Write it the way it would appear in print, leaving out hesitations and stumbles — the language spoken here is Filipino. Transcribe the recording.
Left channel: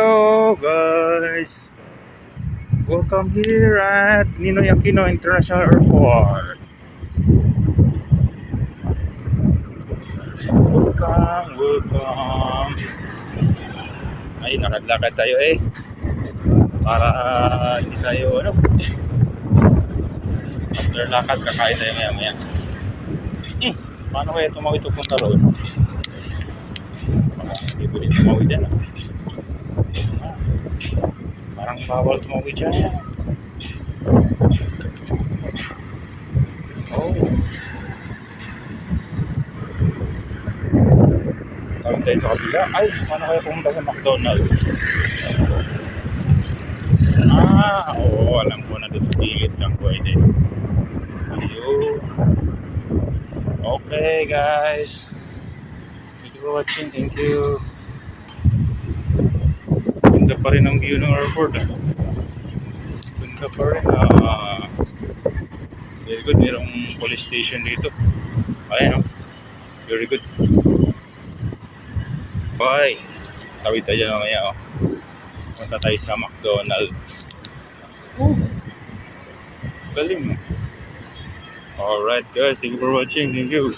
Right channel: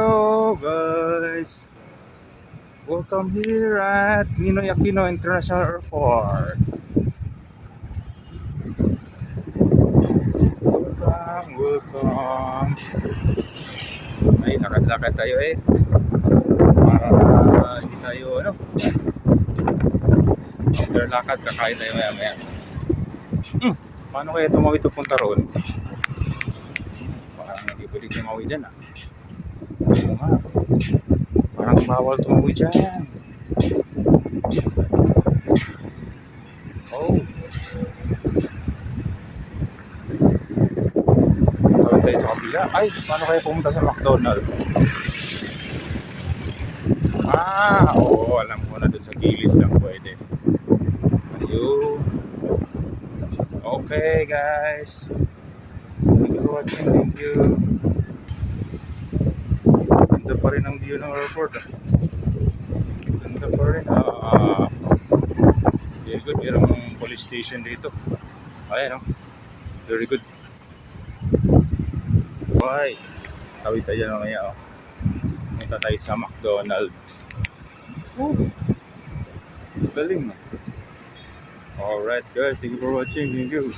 Hello guys, welcome here at Ninoy Aquino International Airport. Welcome. Ay, nakadlakad tayo para hindi tayo after lakad kakain tayo maya maya. Paano kaya tumawid punta roon? Parang hindi pwedeng tumawid dyan Oo nga, parang bawal tumawid dyan. Tawid tayo sa kabila. Ay, paano kaya pumunta sa McDonald's? Oo, alam ko na doon sa gilid lang pwede. Ayun. Okay guys, thank you for watching. Thank you. Ganda pa rin ang view ng airport. Ganda pa rin. Very good. Mayroong police station dito. Ayan very good. Bye. Tawid tayo mamaya punta tayo sa McDonald's. Galing. Alright guys, thank you for watching. Thank you.